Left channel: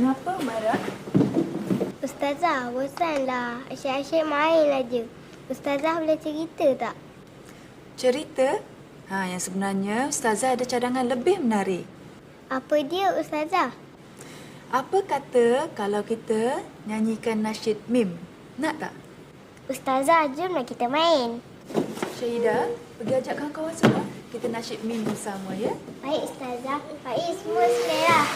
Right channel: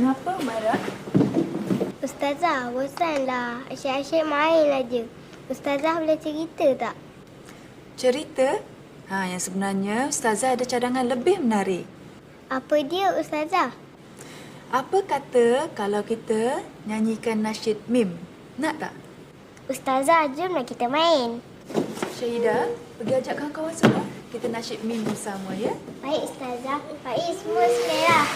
Kenapa marah? Ustazah, bosanlah. Asyik-asyik main aja. Ustazah boleh cerita tak? Cerita? Ha, yang sebenarnya Ustazah ada cadangan lebih menarik. Apa dia Ustazah? Apa kata kalau kita nyanyikan nasyid mim? Nak tak? Ustazah, jomlah kita main. Syahida, pergi ajak kawan-kawan semua. Kita nasyid mim bersama, ya? Baik, Ustazah. Baik, semua sekali. Lah.